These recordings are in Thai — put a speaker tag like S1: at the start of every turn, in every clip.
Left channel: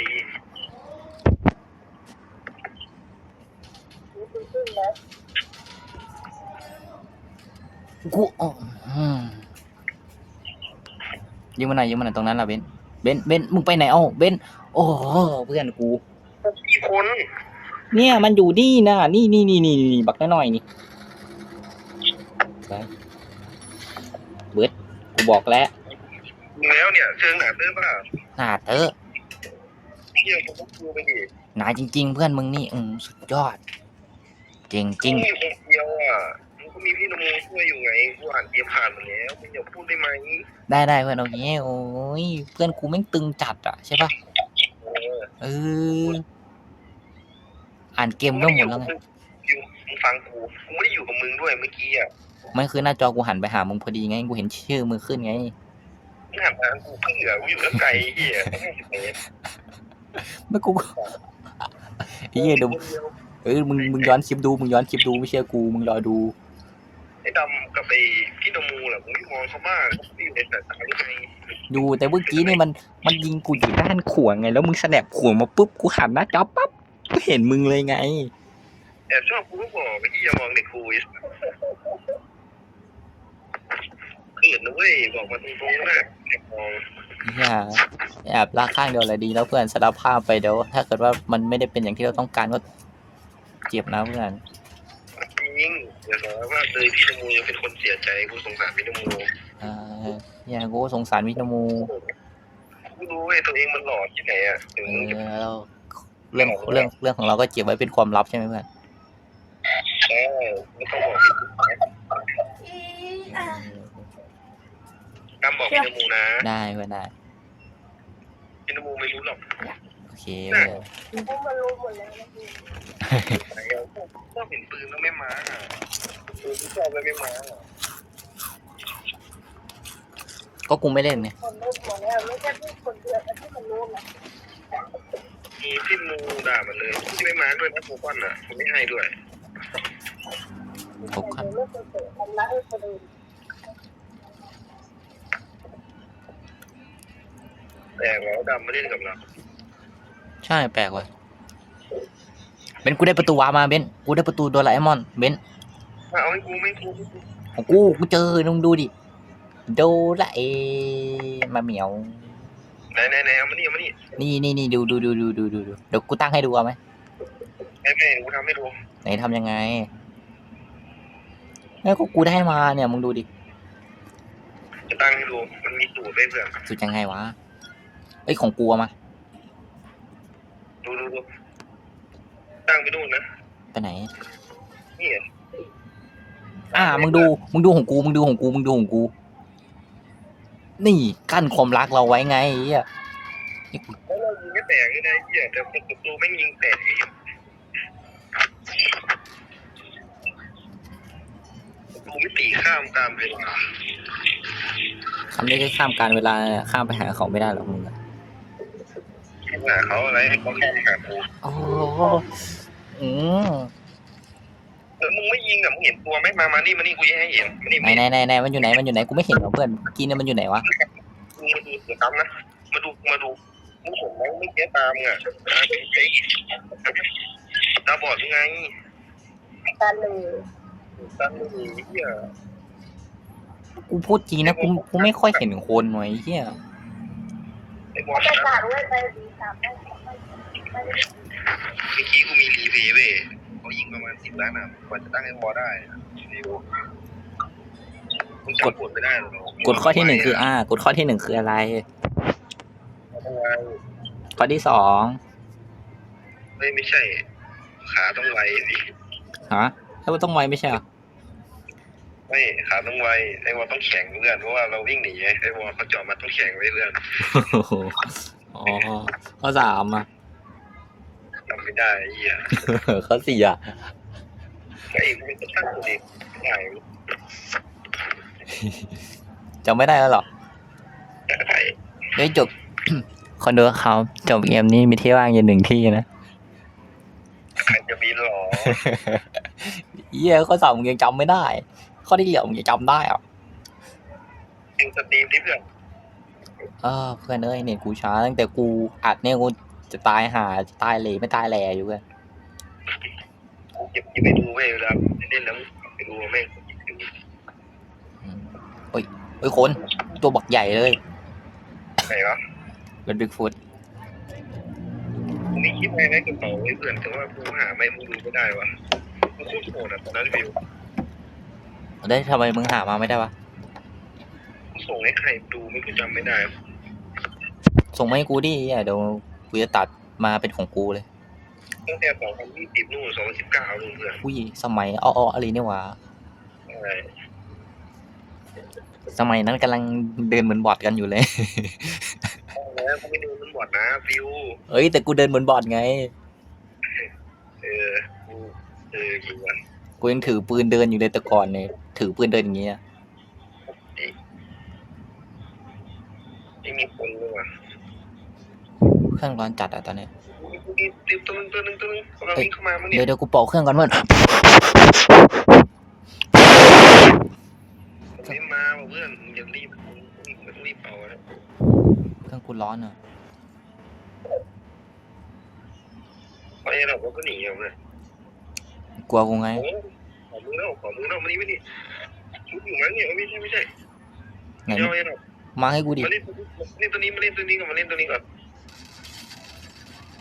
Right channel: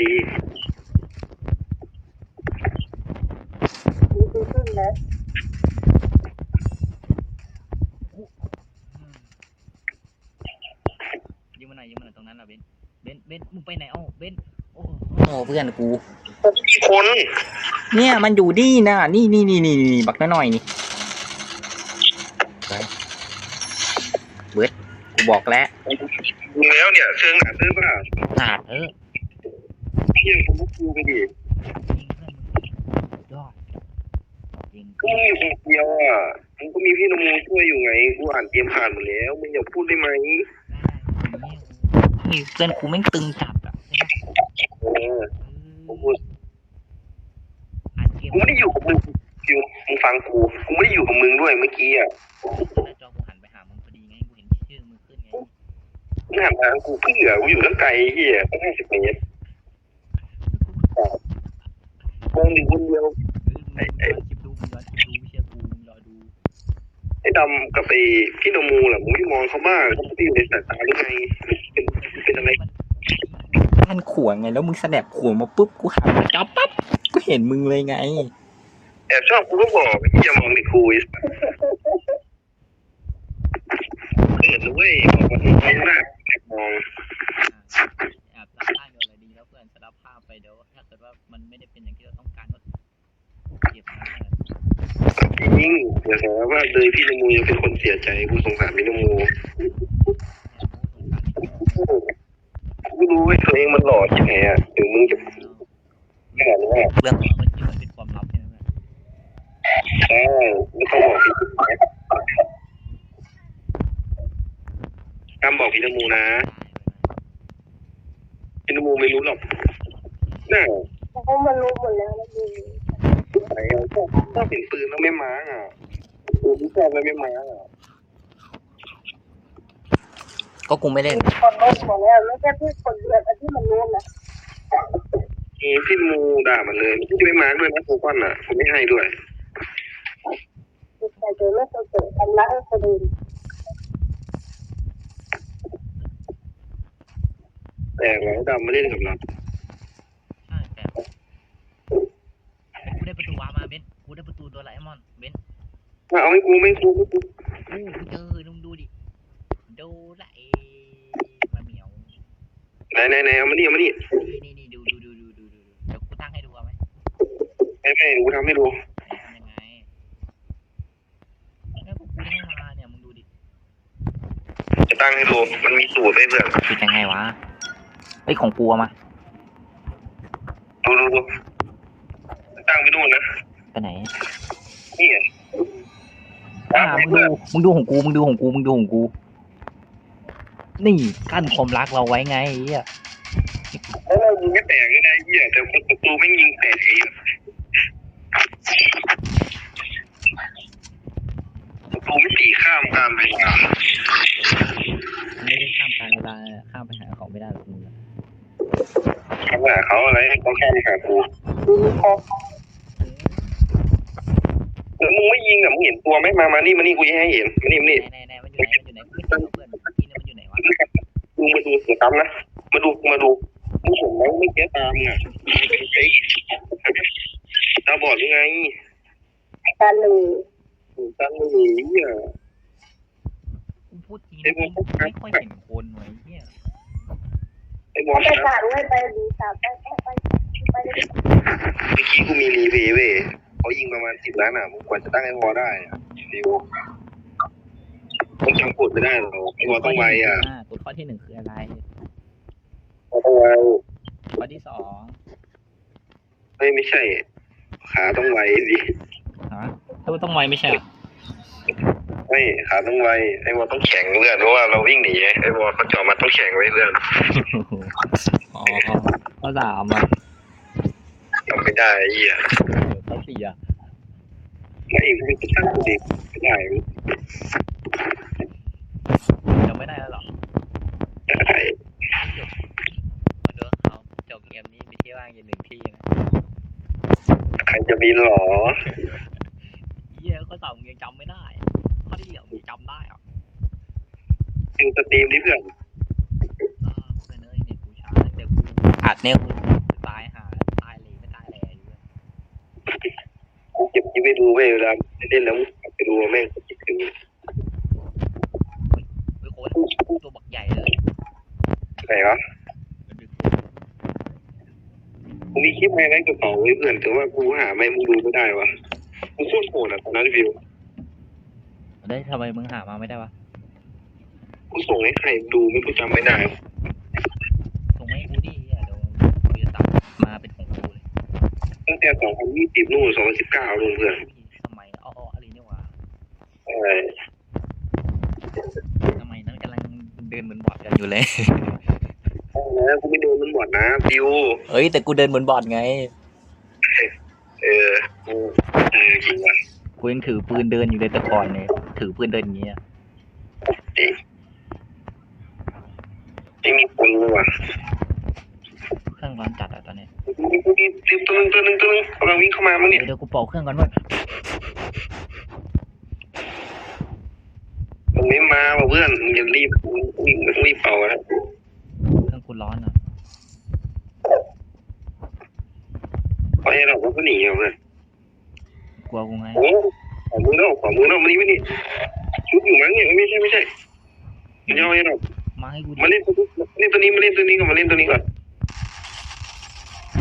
S1: ตี
S2: ดูขึ้นนะ
S3: กูอ๋ออืมยิงมาหน่อยยิงมาหน่อยตรงนั้นล่ะเบนเบนเบนมึงไปไหนเอ้าเบนโอ้โหเพื่อนกู
S1: มีคน
S3: เนี่ยมันอยู่นี่นะนี่นี่นี่นี่นี่บักน้อยๆนี่ไปเบิร์ดกูบอกแล้ว
S1: ดูแล้วเนี่ยเชิงหนาตื้อป่ะ
S3: หนาเถอะ
S1: เที่ยงคุณกูไปดิ
S3: หนาจริง ๆ เพื่อนมึงนี่อืมสุดยอด เจ๋งจ
S1: ริง
S3: ง
S1: อยู่คนเดียวอะมึงก็มีพี่นโมช่วยอยู่ไงกูอ่านเกมผ่านหมดแล้วมึงอย่าพูดได้ไหม
S3: ได้ได้เพื่อนเอางี้โอ้ยเพื่อนกูแม่งตึงจัดอะใช่ปะ
S1: เออ
S3: เอออ่านเกม
S1: กู
S3: ก็
S1: ไม่
S3: ห
S1: ได้
S3: ม
S1: อ
S3: ด
S1: ยู่
S3: แล้
S1: กับมึงคิวมึงฟังกูกูไม่ได้อยู่กับมึงด้วยเมื่อกี้อะ
S3: ไม่คือหน้าจอกูหันไปหามึงพอดีไงกูเห็นชื่อมึงขึ้นไง
S1: มึงหันมากูเพิ่งเหลือกูอยู่ตั้งไกลเฮียห้าสิบเมตร
S3: ไม่กูก็ไอ้เหี้ยเดี๋ยว
S1: คนเดียว
S3: เออมึงมึงย้อนคลิปดูมึงย้อนคลิปดูไม่เชื่อกูมึงรอดู
S1: ไอ้ดำกับไอ้พี่นโมแหละมึงไม่มองเขาบ้างเขาไม่ได้อยู่ในสายตาหรือไง
S3: ดูแต่เมื่อกี้นี่มันมันยิงกูอยู่ด้านขวางไง แล้วมึงสแนปขวางมาปุ๊บกูหันหน้าจอปั๊บกูเห็นมึงเลยไง
S1: แอบชอบกูก็บอกไอ้ที่อย่ามองเด็กกูไอ้เกิดนะเว้ยบอกว่ามึงน่าแอบมอง
S3: อย่าแอบลากข้างเดียวอะไรดีแล้วเพื่อนสารภาพไปเดี๋ยวถ้าเกิดว่ามันไม่ได้เป็นอย่างที่เราต้องการก็เจ็บนะเพื่อน
S1: ยิ่งเดี๋ยวบอกว่าเลยพี่นโมยังเป็นคนเสียใจกูสงสารพี่นโม
S3: เอออย่ากูก็สงสารวิทมู
S1: กูรู้เว้ยตัวเองมันหล่อที่ไหนอะถึงมึงจะ
S3: เออแล้วเรื่องเรื่องเรื่องของเราก็เก็บไว้เป็นความลับใช่ไหมเพื่อน
S1: ใช่ไม่ต้องบอกพี่ กำบอกพี่นโมนะ
S3: ได้เพื่อนได้
S1: พี่นโมไม่รู้หรอก
S3: โอเค
S1: น่า
S2: เพราะมันรู้หมดแล้วนะดู
S1: ไหนชอบเห็นปืนแล้วไม่มาอะปืนที่ชอบแล้วไม่มาอะ
S3: ก็กูไม่เล่น
S2: คนรู้หมดแล้วไม่ใช่พี่คนเดียวแต่ที่มันรู้นะ
S1: เออพี่มูด่ามันเลยพี่จะไม่มาด้วยนะโคก้อนอะผมไม่ให้ด้วย
S2: คือใครเจอไม่เคยเจอกันนะคนอื่น
S1: แต่เราดำมาเล่นกับเรา
S3: ใช่แปลกว่ะเบนกูได้ประตูวาร์ปมาเบนกูได้ประตูโดราเอมอนเบน
S1: เอาให้กูไม่กูไม่กู
S3: ของกูกูเจอลองดูดิโดราเอมาเหมียว
S1: ไหนไหนไหนเอามานี่เอามานี่
S3: นี่นี่นี่ดูดูดูดูดูดูดูเดี๋ยวกูตั้งให้ดูเอาไหม
S1: ไม่ไม่กูทำให้ดู
S3: ไหนทำยังไงแล้วก็กูได้มาเนี่ยมึงดูดิ
S1: จะตั้งให้ดูมันมีสูตรให้เพื่อน
S3: คือยังไงวะ เอ้ยของกูเอามา
S1: ดูดูดูตั้งไปนู่นนะ
S3: ไปไหน
S1: นี่ไง
S3: อ่ามึงดูมึงดูของกูมึงดูของกูมึงดูของกู นี่กั้นความรักเราไว้ไงไอ้เหี้ย
S1: แล้วเรายิงไม่แตกนี่นะไอ้เหี้ยแต่ประตูไม่ยิงแตกเองประตูไม่ตีข้ามตามเวลา
S3: มันไม่ได้ข้ามการเวลาข้ามไปหาเขาไม่ได้หรอกมึงอะ
S1: เขา หาเขาอะไรเขาข้ามหากู
S3: โอ้โหอืม
S1: แล้วมึงไม่ยิงอะมึงเห็นตัวไหมมา มานี่มานี่กูยิงให้เห็นมานี่มา
S3: ไหน
S1: นี่
S3: ไหนไหนไหนมันอยู่ไหนมันอยู่ไหนกูไม่เห็นหรอเพื่อนเมื่อกี้เนี่ยมันอยู่ไหนวะ
S1: มึงมาดูสิครับนะมาดูมาดูมึงเห็นไหมไม่เจ๊ตามอะตาเป็นไอ้ตาบอดยังไง
S2: การหนึ่ง
S1: ตาไม่มีเนี่ย
S3: กูพูดจริงนะกูกูไม่ค่อยเห็นคนไว้เฮีย
S1: ไอ้บอล
S2: ไม่
S1: นะ
S2: ต่างไม่ไปดีสามไปไปไป
S1: เมื่อกี้กูมีรีเพย์เว้ยเขายิงประมาณสิบล้านอะมึงกว่าจะตั้งไอ้บอลได้อะเร็วผมจำกดไม่ได้หรอก
S3: กฎข้อที่หนึ่งคืออ่ากฎข้อที่หนึ่งคืออะไร
S1: ต้องไว
S3: ข้อที่สอง
S1: ไม่ไม่ใช่ ขาต้องไวดิ
S3: ฮะถ้ามันต้องไวไม่ใช่เหรอ
S1: ไม่ขาต้องไวไอ้บอลต้องแข็งเลื่อนเพราะว่าเราวิ่งหนีไอ้บอลเขาเจาะมาต้องแข็งไว้เลื่อน
S3: โอ้โหอ๋อข้อสามอะ
S1: จำไม่ได้ไอ้เหี้ย
S3: ข้อสี่อะ
S1: ไอ้กูจะตั้งดิไม่ได้
S3: จำไม่ได้แล้วเหรอ
S1: ไอ้
S3: เฮ้ยจบคนดูเขาจบเกมนี้มีที่ว่างอยู่หนึ่งที่นะ
S1: ใครจะบินหรอ
S3: เยี่ยข้อสามมึงยังจำไม่ได้ ข้อที่เหลือมึงยังจำได้อะ
S1: เป็นสตรีมที่เพื่อน
S3: เออเพื่อนเอ้ยเนี่ยกูช้าตั้งแต่กูอัดเนี่ยกูจะตายหาจะตายเหลไม่ตายแหล่อยู่เพื่อน
S1: กูเก็บคลิปไปดูเว้ยเวลาเล่นแล้วมึงกลับไปดูแม่งคิดถึง
S3: เฮ้ยคนตัวบักใหญ่เลย
S1: ใครวะ
S3: เป็นบิ๊กฟุต
S1: กูมีคลิปไฮไลท์กระเป๋าไว้เพื่อนแต่ว่ากูหาไม่มึงดูไม่ได้วะกูโคตรโหดอะตอนนั้นวิว
S3: ได้ทำไมมึงหามาไม่ได้วะ
S1: กูส่งให้ใครดูไม่กูจำไม่ได้
S3: ส่งมาให้กูดิอะเดี๋ยวกูจะตัดมาเป็นของกูเลย
S1: ตั้งแต่สองพันยี่สิบนู่นสองพันสิบเก้านู่นเพื่อน
S3: อุ้ยสมัยอ้อๆอะไรเนี่ยหวะ
S1: ใช่
S3: สมัยนั้นกำลังเดินเหมือนบอทกันอยู่เลย
S1: แล้วกูไม่โดนมันบอดนะวิว
S3: เอ้ยแต่กูเดินเหมือนบอทไง
S1: เออกูเออจริงว่ะ
S3: กูยังถือปืนเดินอยู่เลยแต่ก่อนเนี่ยถือปืนเดินอย่างเงี้ย
S1: ไม่มีคนเลยว่ะ
S3: เครื่องร้อนจัดอะตอนเนี้ย
S1: กูมีตัวนึงตัวนึงตัวนึงกำลังวิ่งเข้ามามั้งเนี่ย
S3: เดี๋ยวเดี๋ยวกูเป่าเครื่องก่อนเพื่อน
S1: มันไม่มาว่ะเพื่อนมึงอย่ารีบรีบรีบเป่าอะ
S3: เครื่องกูร้อนอะ
S1: เพราะไอ้เราก็หนีเอาเลย
S3: กลัวกูไง
S1: โอ้ขอมือเนาะขอมือเนาะมานี่มานี่ชุดอยู่มั้งเนี่ยไม่ใช่ไม่ใช่
S3: ไหน
S1: ไม่เอาไอ้เรา
S3: มาให้กูดิ
S1: มาเล่นตัวนี้ตัวนี้มาเล่นตัวนี้ก่อนมาเล่นตัวนี้ก่อน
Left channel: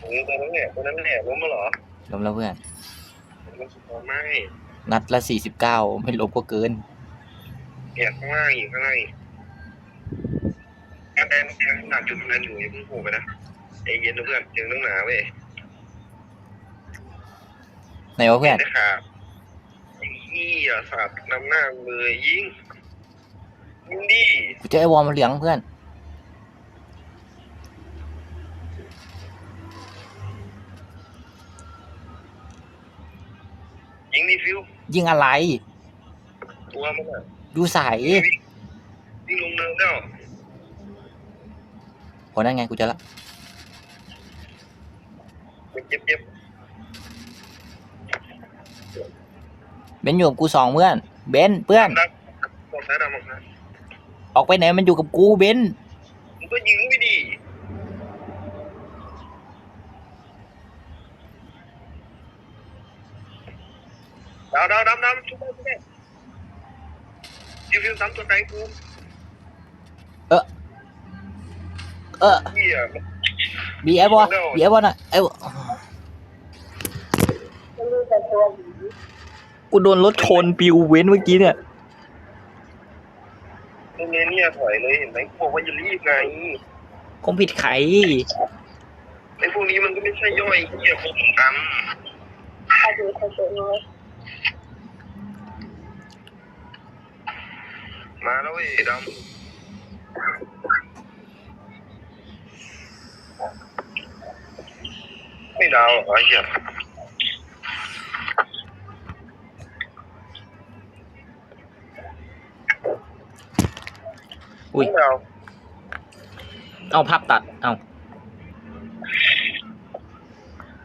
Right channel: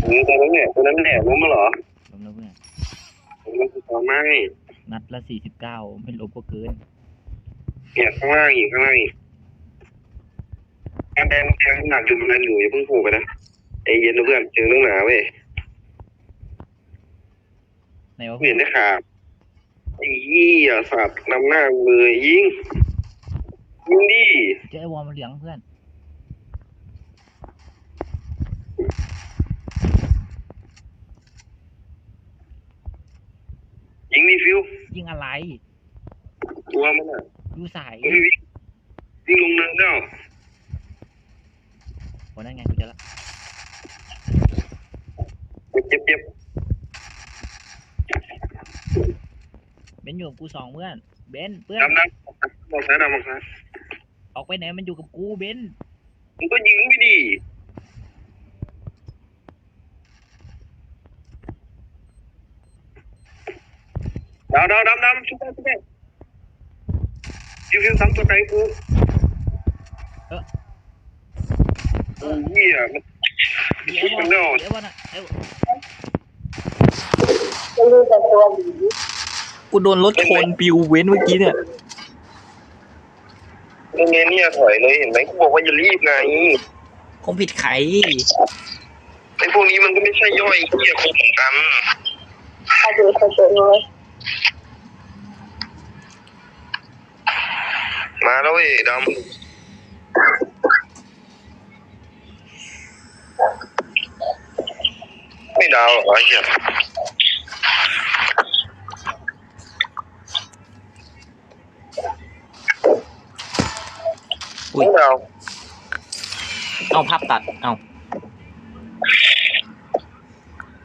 S1: โอ้ตัวนั้นเนี่ยตัวนั้นแหละล้มมาเหรอ
S3: ล้มแล้วเพื่อน
S1: มันสุดยอดมาก
S3: นัดละสี่สิบเก้าไม่ลบก็เกิน
S1: เนี่ยข้างล่างอีกข้างล่างอีกการแดนแทงหนักจุดตรงนั้นอยู่อย่าเพิ่งผูกไปนะไอ้เย็นนะเพื่อนเจอเรื่องหนาเว้ย
S3: ไหนวะเพื่
S1: เห็
S3: อน
S1: นได้ขาดไอ้ยี่อะสัตว์นำหน้าเลยยิงยิงดิ
S3: กูเจอไอ้วอร์มเหลืองเพื่อน
S1: ยิงดิฟิว
S3: ยิงอะไร
S1: ตัวมันอะ
S3: ดูใส
S1: วิ่งลงเนินแล้ว
S3: โหนั่นไงกูเจอละ
S1: เจ็บเจ็บ
S3: เบนซ์อยู่กับกูสองเพื่อน เบนซ์เพื่อน
S1: ดำมองซ้ายดำมองซ้าย
S3: ออกไปไหนมันอยู่กับกูเบนซ์
S1: มึงก็ยิงไปดิดาวดาวดำดำชุบได้ชุบได้ฟิวฟิวซ้ำตัวไหนกู
S3: เออ
S1: เหี้ย
S3: บีไอ้บอลบีไอ้บอลอะไอ้
S2: จะรู้แต่ตัวหนี
S3: กูโดนรถชนปิวเว้นเมื่อกี้เนี่ย
S1: โรงเรียนเนี่ยถอยเลยเห็นไหมกูบอกว่าอย่ารีบไง
S3: คงผิดไข
S1: ไอ้พวกนี้มันก็ไม่ใช่ย่อยเหี้ยคนเหมือนกัน
S2: ถ้าดูเขาจะรู้
S1: มาแล้วเว้ยดำไม่ดาวหรอไอ้เหี้ย
S3: อุ้ย
S1: ไม่ดาว
S3: เอาภาพตัด เอา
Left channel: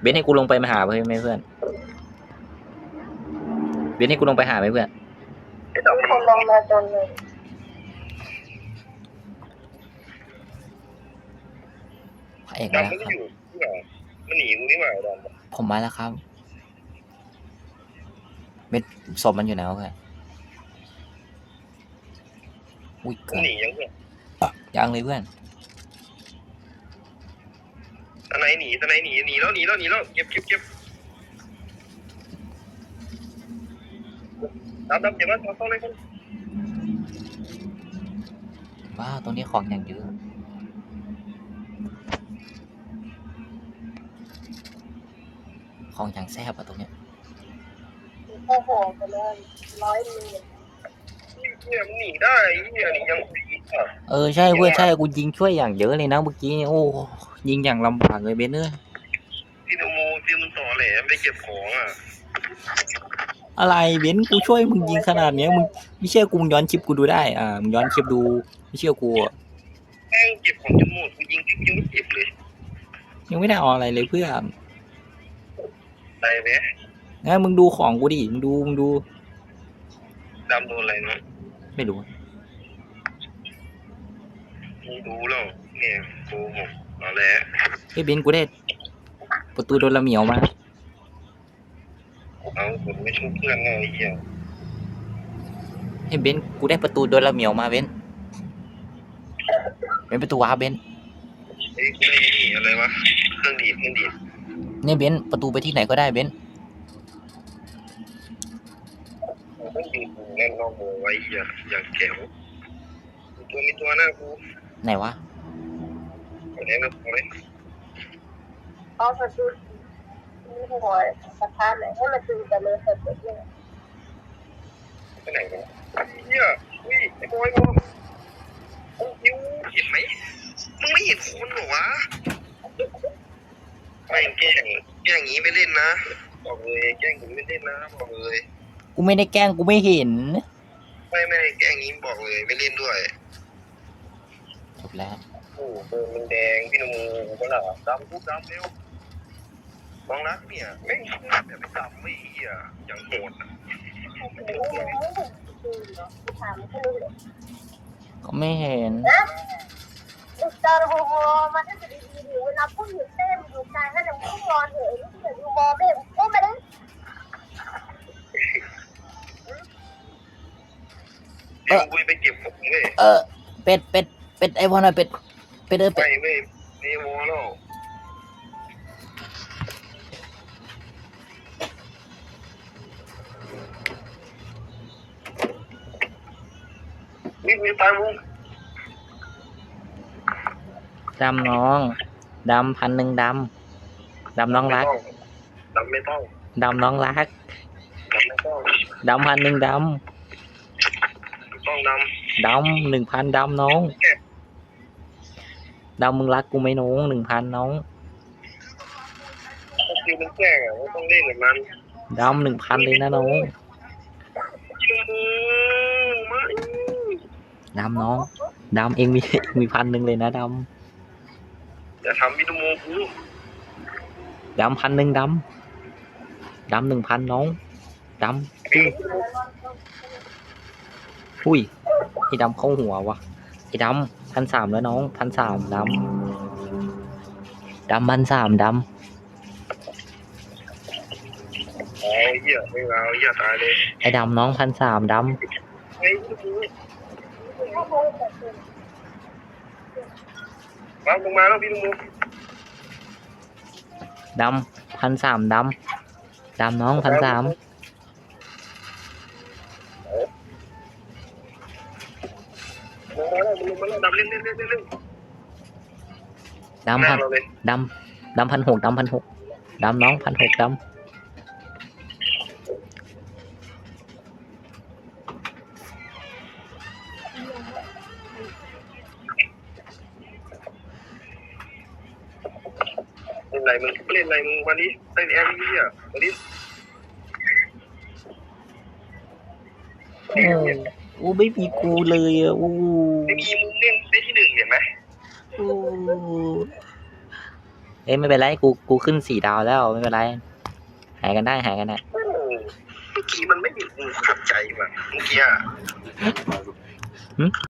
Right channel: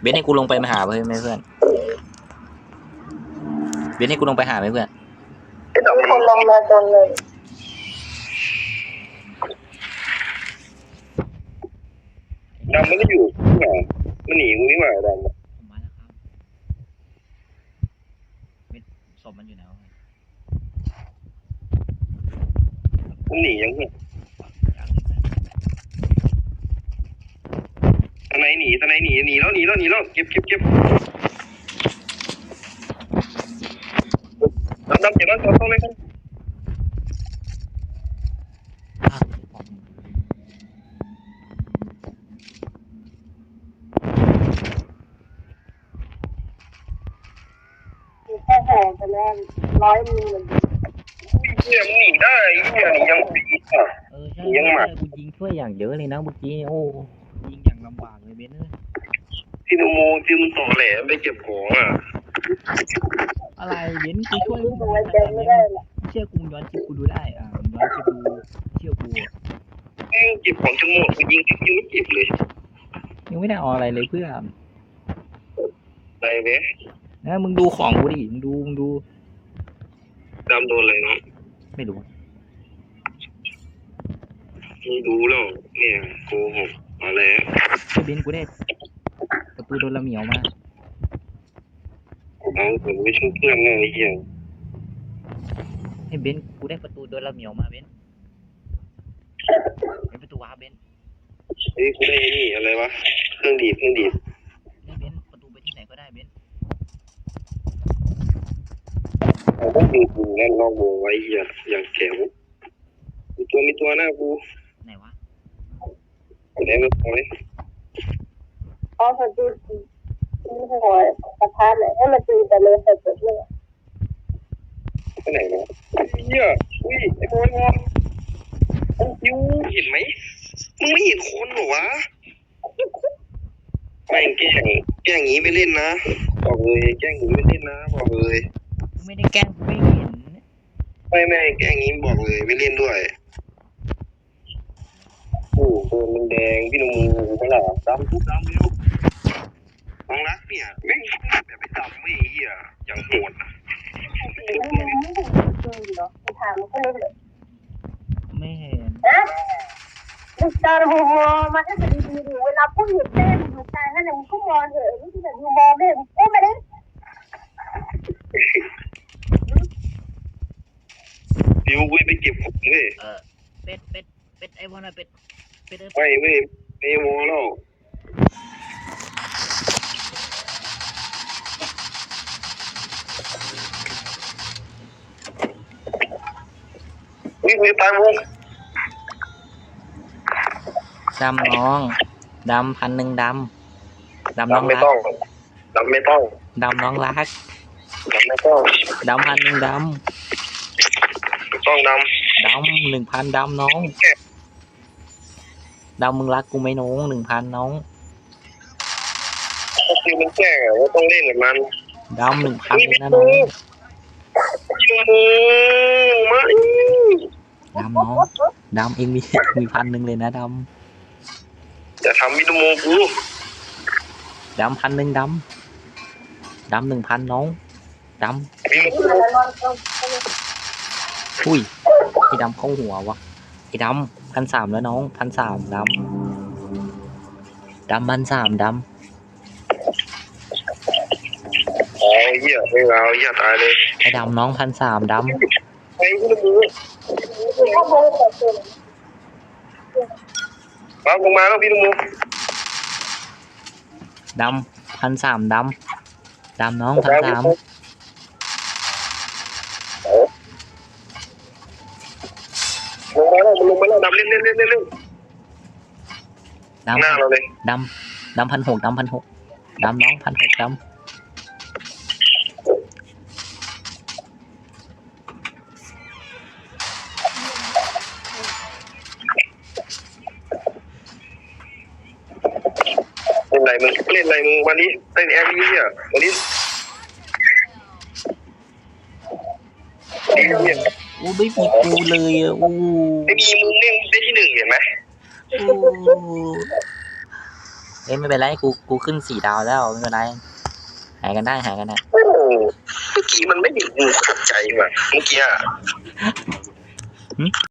S3: เบนซ์ให้กูลงไปมาหาเพื่อนไหมเพื่อน เบนซ์ให้กูลงไปหาไหมเพื่อน
S1: ไอ้ดำ
S2: มี
S1: มัน
S2: คนลงมาตรงเลย
S3: พระเอก
S1: ดำมันก็อยู่นี่หว่ามันหนีกูนี่หว่าดำ
S3: ผมมาแล้วครับ เม็ดศพมันอยู่ไหนวะเพื่อน อุ้ย
S1: มันหนียังเนี่ย
S3: ยังเลยเพื่อน
S1: ตะไหนหนีตะไหนหนีหนีแล้วหนีแล้วหนีแล้วเก็บเก็บเก็บดำดำเก็บแล้วต้องเลยครับ
S3: ว้าวตรงนี้ของอย่างเยอะของอย่างแซ่บอะตรงเนี้ย
S2: มีแค่แห่กันแน่ร้อยมีหนึ่ง
S1: เหี้ยมันหนีได้เหี้ยหนียังหนีอะ
S3: เออใช่เว้ยใช่กูยิงช่วยอย่างเยอะเลยนะเมื่อกี้เนี่ยโอ้ยิงอย่างลำบากเลยเบนเนอร์
S1: ที่นโมที่มันต่อแหลไปเก็บของอะ
S3: อะไรเบนกูช่วยมึงยิงขนาดเนี้ยมึงไม่เชื่อกูมึงย้อนคลิปกูดูได้อ่ามึงย้อนคลิปดูไม่เชื่อกูอะ
S1: แม่งเก็บของจนหมดกูยิงยังไม่เก็บเลย
S3: ยังไม่ได้เอาอะไรเลยเพื่อน
S1: ได้ไหม
S3: งั้นมึงดูของกูดิมึงดูมึงดู
S1: ดำโดนอะไรเนาะ
S3: ไม่รู้
S1: ไม่รู้แล้วเนี่ยโกหกอะเลย
S3: เฮ้ยเบนซ์กูได้ ประตูโดนละเหมียวมา
S1: เอาผมไม่ช่วยเพื่อนไงไอ้เหี้ย
S3: เฮ้ยเบนซ์กูได้ประตูโดนละเหมียวมาเบนซ์เป็นประตูว้าร์ปเบนซ์
S1: เฮ้ยกูได้นี่อะไรวะเครื่องดีดเครื่องดีด
S3: เนี่ยเบนซ์ประตูไปที่ไหนก็ได้เบนซ์
S1: เอาพวกยิงกูแน่นรอบวงไว้เหี้ยอย่างแข็งมีตัวมีตัวหน้ากู
S3: ไหนวะ
S1: เอาแน่นเอาไว้
S2: เขาเขาดูดูหัวกระทะเลยให้มันดูแต่เลยเสร็จเลย
S1: ไปไหนเนาะเหี้ยอุ้ยไอ้โอยบอโอ้ยูเห็นไหมมึงไม่เห็นคนเหรอวะแม่งแกล้งแกล้งอย่างนี้ไม่เล่นนะบอกเลยแกล้งอย่างนี้ไม่เล่นนะบอกเลย
S3: กู ไม่ได้แกล้งกูไม่เห็น
S1: ไม่ไม่แกล้งอย่างนี้บอกเลยไม่เล่นด้วย
S3: จบแล้ว
S1: โอ้โหตัวมันแดงพี่นมูเขาเหรอดำทุกดำเร็วน้องรักเนี่ยแม่งแบบไปจับไม่เหี้ยอย่างโหดอะ
S2: ไม่เห็นไม่เห็นจริงเหรอถามแค่นี้เลย
S3: ก็ไม่เห็น
S2: นะลูกตาหูมอมันก็จะดีดีเวลาพูดอยู่เต้นอยู่กลางนั่นน่ะมึงก็มองเถอะลูกแต่ยูมอไม่มึงเต้นมาดิ
S1: เดี๋ยวกูไปเก็บของเว้ย
S3: เออ เป็ดเป็ดเป็ดไอวอนอะเป็ดเป็ดเออ
S1: ไป
S3: เป็ด
S1: เว้ยไม่โมแล้วนี่กูจะตายมึง
S3: ดำน้องดำพันหนึ่งดำดำน้อง
S1: ไม่
S3: รัก
S1: ต้องดำไม่ต้อง
S3: ดำน้องรัก
S1: ดำไม่ต้อง
S3: ดำพันหนึ่งด
S1: ไม่ ต้องดำ
S3: ดำหนึ่งพันดำน้องดำมึงรักกูไหมน้องหนึ่งพันน้องำ
S1: ก็คือมันแจ้งอะว่าต้องเล่นกับมัน
S3: ดำหนึ่งพันเลยนะน้อง
S1: ชิมูมา
S3: ดำน้องดำเองมีมีพันหนึ่งเลยนะด
S1: อย่าทำมินโมกูำ
S3: ดำพันหนึ่งดำดำหนึ่งพันน้องด
S1: มิน
S2: ที่มันนอนตรงำ
S3: อุ้ยไอ้ดำเข้าหัววะไอ้ดำพันสามแล้วน้องพันสามดำดำพันสามด
S1: อ๋อเหี้ยไม่เอาเหี้ยตายเลยำ
S3: ไอ้ดำน้องพันสามด
S1: ไอ้มินโม
S2: คือถ้าโมแต่ตัว
S1: ปั๊บลงมาแล้วพี่นโมำ
S3: ดำพันสามดำดำน้องพันสาม
S1: มาแล้วดำเล่นเล่นเล่นเล่นเล่น
S3: ดำ
S1: หน้า
S3: พัน
S1: เราเลย
S3: ดำดำพันหกดำพันหกดำน้องพันหกด
S1: เล่นอะไรมึงเล่นอะไรมึงวันนี้เล่นแอร์นี้เนี่ยวันนี้ำ
S3: อู้ไม่มีกูเลยอะอู้
S1: ไม่มีมึงเล่นได้ที่ หนึ่งเห็นไหม
S3: อู้เอ้ยไม่เป็นไรกูกูขึ้นสี่ดาวแล้วไม่เป็นไรหายกันได้หายกันได้
S1: โอ้เมื่อกี้มันไม่มีกูขัดใจว่ะเมื่อกี้อะ